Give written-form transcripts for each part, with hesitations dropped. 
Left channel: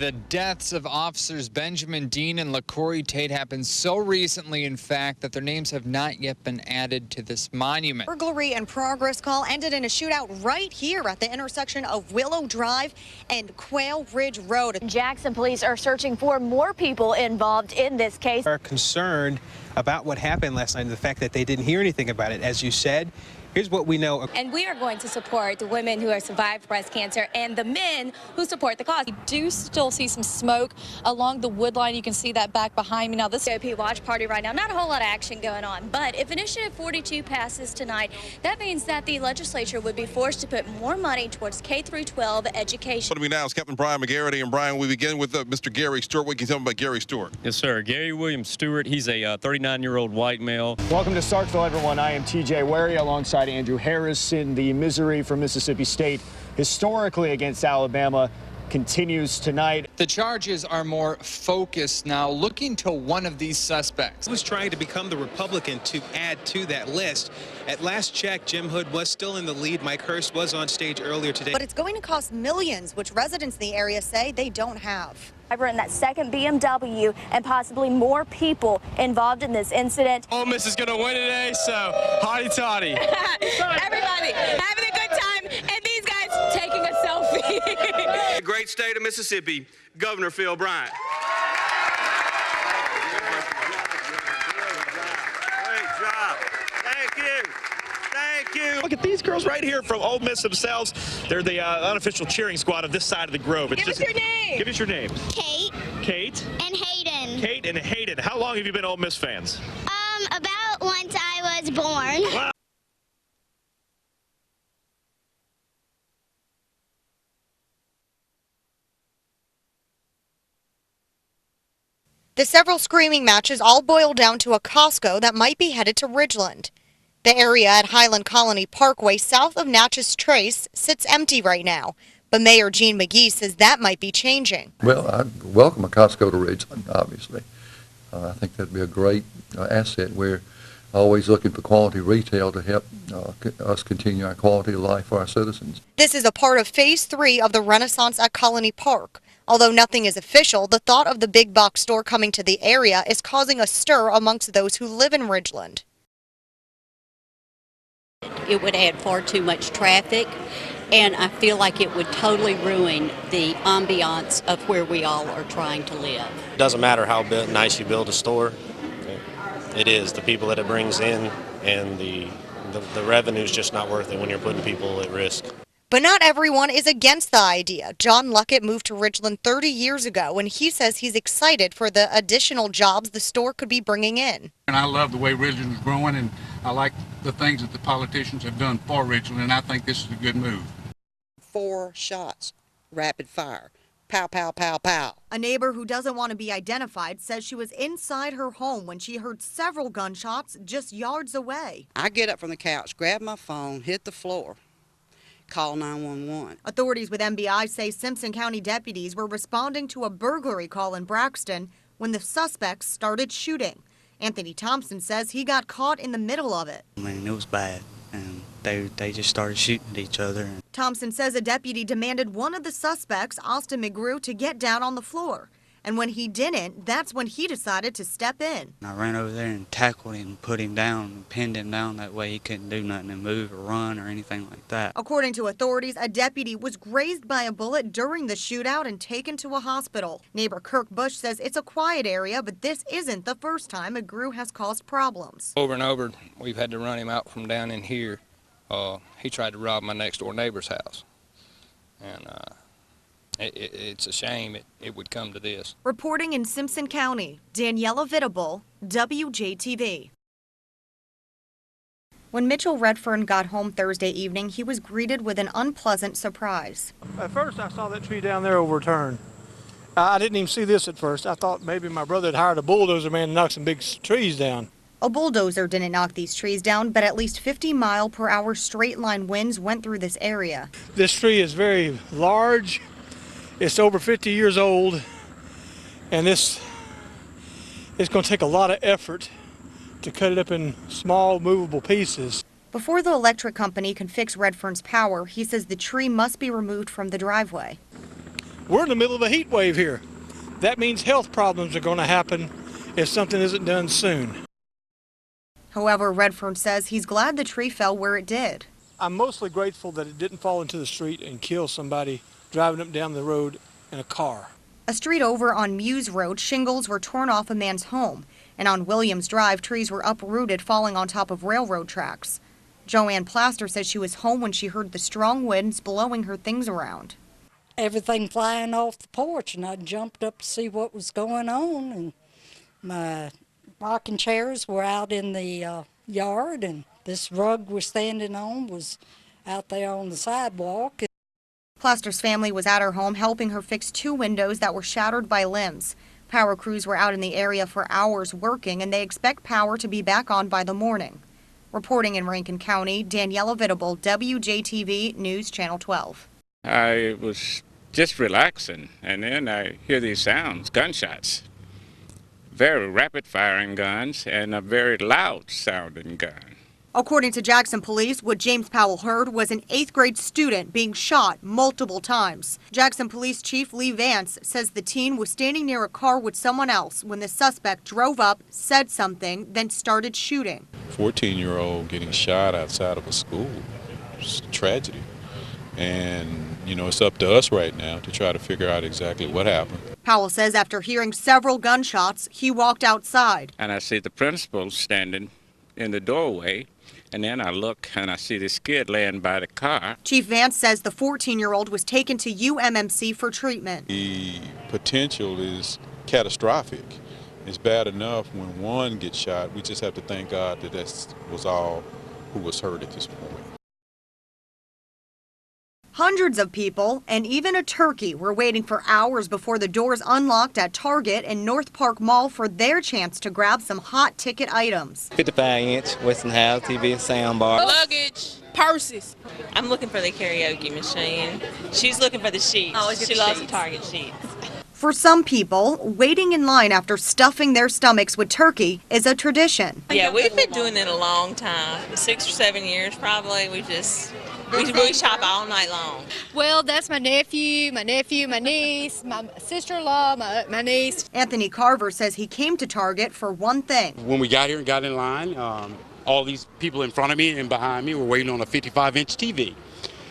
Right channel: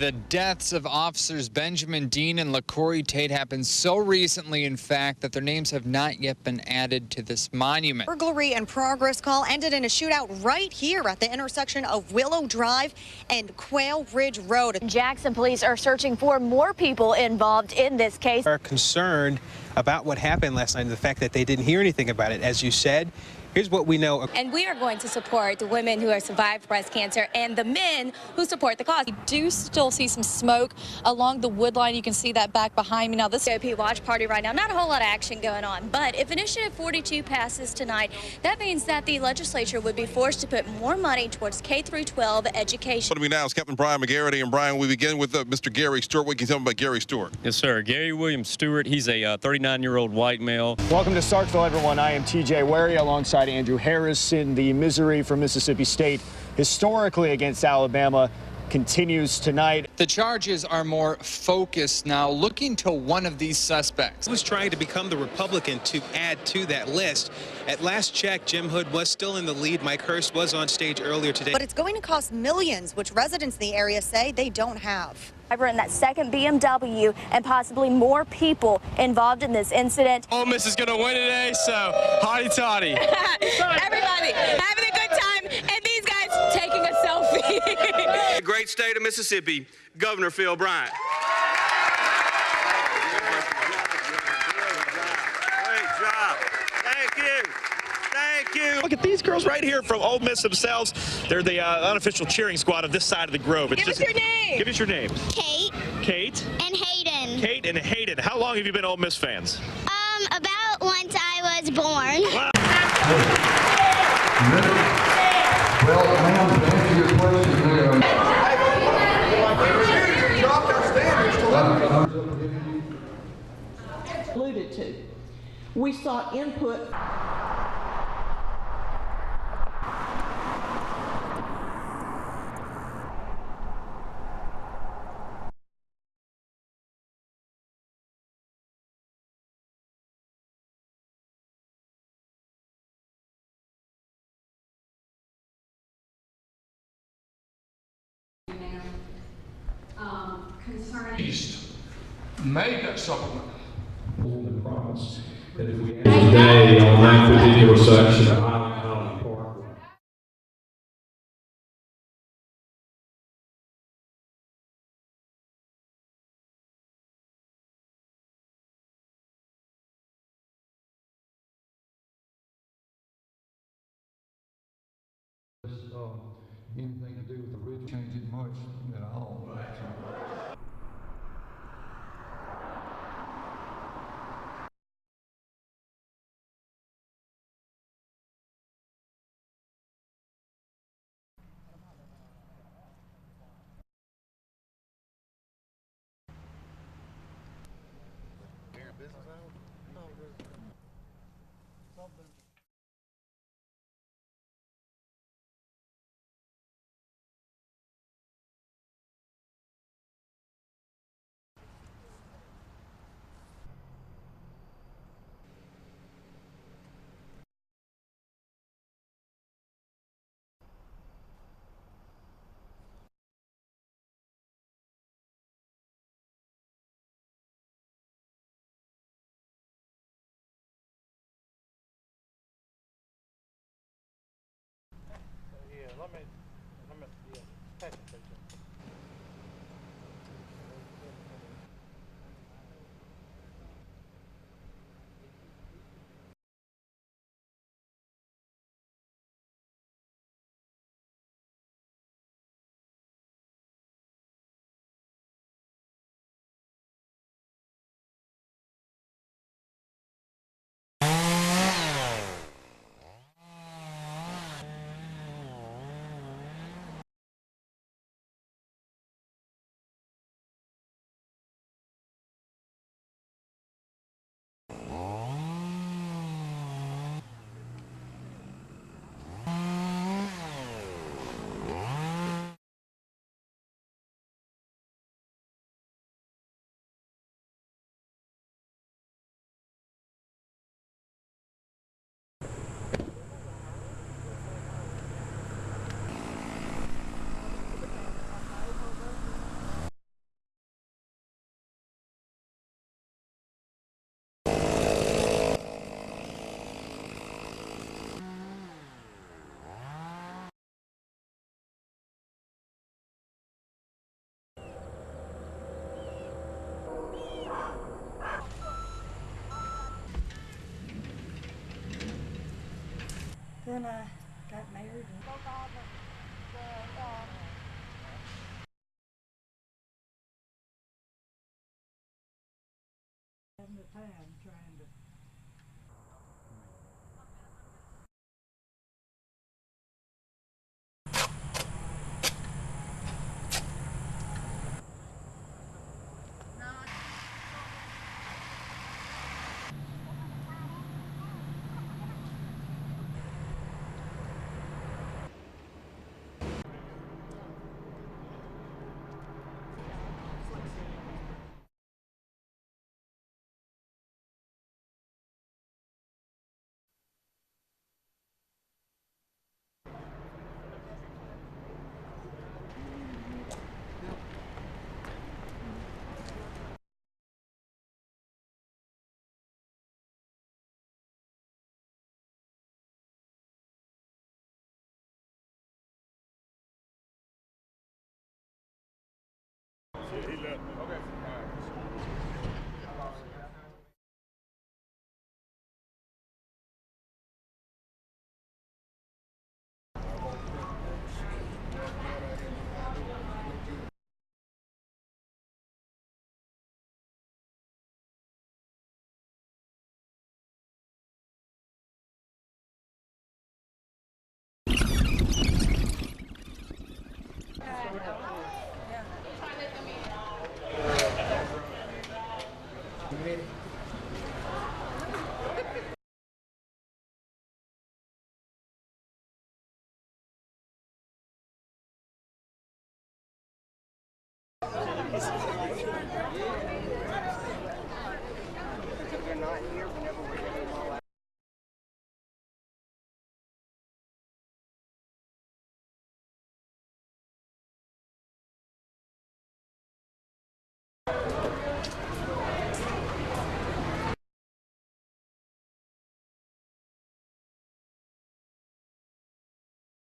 The deaths of officers Benjamin Dean and LaCorey Tate happened so recently, in fact, that their names have not yet been added to this monument. Burglary and progress call ended in a shootout right here at the intersection of Willow Drive and Quail Ridge Road. Jackson police are searching for more people involved in this case. Are concerned about what happened last night and the fact that they didn't hear anything about it. As you said, here's what we know. And we are going to support the women who have survived breast cancer and the men who support the cause. We do still see some smoke along the wood line. You can see that back behind me. Now, this GOP watch party right now, not a whole lot of action going on. But if Initiative 42 passes tonight, that means that the legislature would be forced to put more money towards K-12 education. Joining me now is Captain Brian McGarity. And Brian, we begin with Mr. Gary Stewart. What can you tell me about Gary Stewart? Yes, sir. Gary William Stewart. He's a 39-year-old white male. Welcome to Starkville, everyone. I am TJ Wary alongside Andrew Harris. In the misery for Mississippi State historically against Alabama continues tonight. The charges are more focused now, looking to one of these suspects. He was trying to become the Republican to add to that list. At last check, Jim Hood was still in the lead. Mike Hurst was on stage earlier today. But it's going to cost millions, which residents in the area say they don't have. In that second BMW and possibly more people involved in this incident. Ole Miss is going to win today, so hotty toddy. Everybody having a good time, and these guys taking a selfie. The great state of Mississippi, Governor Phil Bryant. Great job. Thank you. Thank you. Look at these girls right here from Ole Miss themselves. They're the unofficial cheering squad of this side of the Grove. Give us your name. Give us your name. Kate. Kate. And Hayden. Kate and Hayden. How long have you been Ole Miss fans? About once I was born. Wow. The several screaming matches all boil down to a Costco that might be headed to Ridgeland. The area at Highland Colony Parkway south of Natchez Trace sits empty right now, but Mayor Gene McGee says that might be changing. Well, I'd welcome a Costco to Ridgeland, obviously. I think that'd be a great asset. We're always looking for quality retail to help us continue our quality of life for our citizens. This is a part of Phase 3 of the Renaissance at Colony Park. Although nothing is official, the thought of the big box store coming to the area is causing a stir amongst those who live in Ridgeland. It would add far too much traffic, and I feel like it would totally ruin the ambiance of where we all are trying to live. It doesn't matter how nice you build a store. It is the people that it brings in, and the revenue is just not worth it when you're putting people at risk. But not everyone is against the idea. John Luckett moved to Ridgeland 30 years ago, and he says he's excited for the additional jobs the store could be bringing in. And I love the way Ridgeland is growing, and I like the things that the politicians have done for Ridgeland, and I think this is a good move. 4 shots, rapid fire. Pow, pow, pow, pow. A neighbor who doesn't want to be identified says she was inside her home when she heard several gunshots just yards away. I get up from the couch, grab my phone, hit the floor, call 911. Authorities with MBI say Simpson County deputies were responding to a burglary call in Braxton when the suspects started shooting. Anthony Thompson says he got caught in the middle of it. I mean, it was bad, and they just started shooting at each other. Thompson says a deputy demanded one of the suspects, Austin McGrew, to get down on the floor. And when he didn't, that's when he decided to step in. I ran over there and tackled him, put him down, and pinned him down. That way he couldn't do nothing and move or run or anything like that. According to authorities, a deputy was grazed by a bullet during the shootout and taken to a hospital. Neighbor Kirk Bush says it's a quiet area, but this isn't the first time McGrew has caused problems. Over and over, we've had to run him out from down in here. He tried to rob my next door neighbor's house. And it's a shame it would come to this. Reporting in Simpson County, Daniela Vitable, WJTV. When Mitchell Redfern got home Thursday evening, he was greeted with an unpleasant surprise. At first, I saw that tree down there overturned. I didn't even see this at first. I thought maybe my brother had hired a bulldozer man to knock some big trees down. A bulldozer didn't knock these trees down, but at least 50-mile-per-hour straight-line winds went through this area. This tree is very large. It's over 50 years old, and it's going to take a lot of effort to cut it up in small, movable pieces. Before the electric company can fix Redfern's power, he says the tree must be removed from the driveway. We're in the middle of a heat wave here. That means health problems are going to happen if something isn't done soon. However, Redfern says he's glad the tree fell where it did. I'm mostly grateful that it didn't fall into the street and kill somebody driving up down the road in a car. A street over on Muse Road, shingles were torn off a man's home. And on Williams Drive, trees were uprooted, falling on top of railroad tracks. Joanne Plaster says she was home when she heard the strong winds blowing her things around. Everything flying off the porch, and I jumped up to see what was going on, and my rocking chairs were out in the yard, and this rug we're standing on was out there on the sidewalk. Plaster's family was at her home helping her fix 2 windows that were shattered by limbs. Power crews were out in the area for hours working, and they expect power to be back on by the morning. Reporting in Rankin County, Daniela Vitable, WJTV News Channel 12. I was just relaxing, and then I hear these sounds, gunshots. Very rapid firing guns and a very loud sounding gun. According to Jackson police, what James Powell heard was an 8th grade student being shot multiple times. Jackson Police Chief Lee Vance says the teen was standing near a car with someone else when the suspect drove up, said something, then started shooting. 14-year-old getting shot outside of a school. It's a tragedy. And, you know, it's up to us right now to try to figure out exactly what happened. Powell says after hearing several gunshots, he walked outside. And I see the principal standing in the doorway, and then I look and I see this kid laying by the car. Chief Vance says the 14-year-old was taken to UMMC for treatment. The potential is catastrophic. It's bad enough when one gets shot. We just have to thank God that that was all who was hurt at this point. Hundreds of people and even a turkey were waiting for hours before the doors unlocked at Target in North Park Mall for their chance to grab some hot ticket items. 55-inch Weston House TV soundbar. Luggage, purses. I'm looking for the karaoke machine. She's looking for the sheets. She loves the Target sheets. For some people, waiting in line after stuffing their stomachs with turkey is a tradition. Yeah, we've been doing it a long time, 6 or 7 years probably. We shop all night long. Well, that's my nephew, my niece, my sister-in-law, my niece. Anthony Carver says he came to Target for one thing. When we got here and got in line, all these people in front of me and behind me were waiting on a 55-inch TV.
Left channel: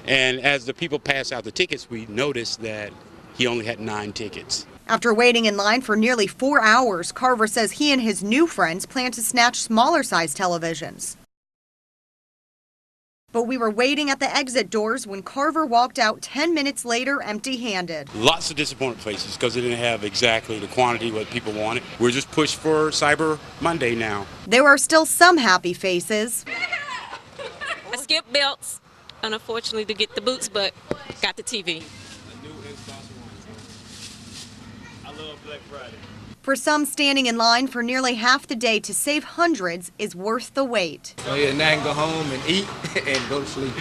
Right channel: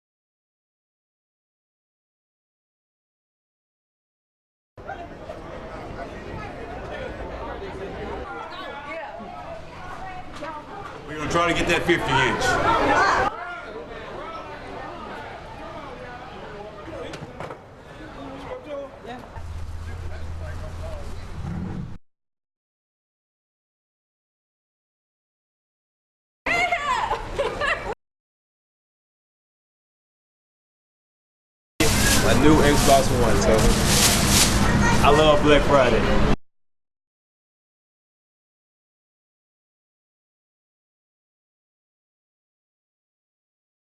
And as the people passed out the tickets, we noticed that he only had 9 tickets. After waiting in line for nearly 4 hours, Carver says he and his new friends plan to snatch smaller size televisions. We're going to try to get that 50-inch. But we were waiting at the exit doors when Carver walked out 10 minutes later empty-handed. Lots of disappointed faces because they didn't have exactly the quantity what people wanted. We're just pushed for Cyber Monday now. There are still some happy faces. I skipped belts, unfortunately, to get the boots, but got the TV. A new Xbox One, so I love Black Friday. For some, standing in line for nearly half the day to save hundreds is worth the wait. So yeah, now I can go home and eat and go to sleep.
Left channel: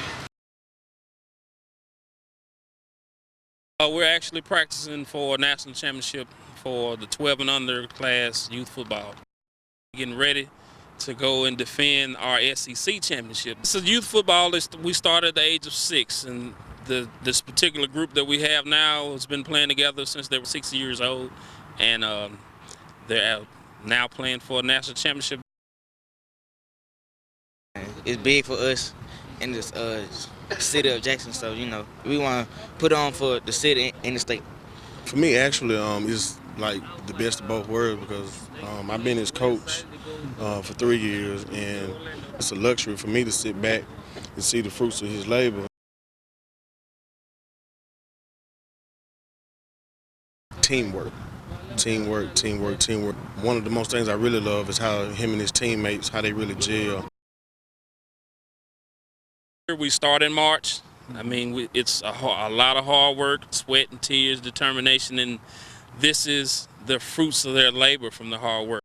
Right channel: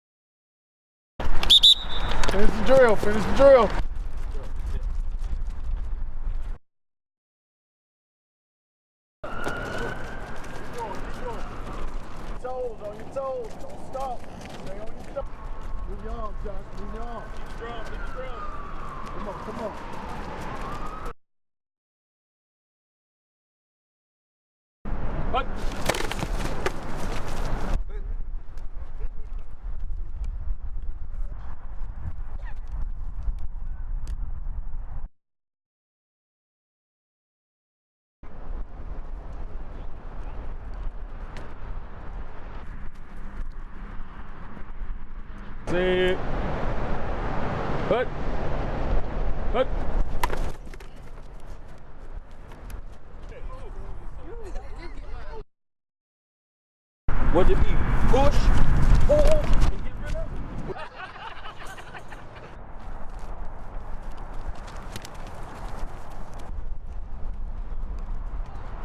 Finish the drill, finish the drill. We're actually practicing for a national championship for the 12 and under class youth football. Getting ready to go and defend our SEC championship. So youth football, we started at the age of 6, and this particular group that we have now has been playing together since they were 6 years old, and they're now playing for a national championship. It's big for us in this city of Jackson, so you know we want to put on for the city and the state. For me, actually, it's like the best of both worlds because I've been his coach for 3 years, and it's a luxury for me to sit back and see the fruits of his labor. Teamwork. One of the most things I really love is how him and his teammates, how they really gel. We start in March. I mean, it's a lot of hard work, sweat and tears, determination, and this is the fruits of their labor from the hard work.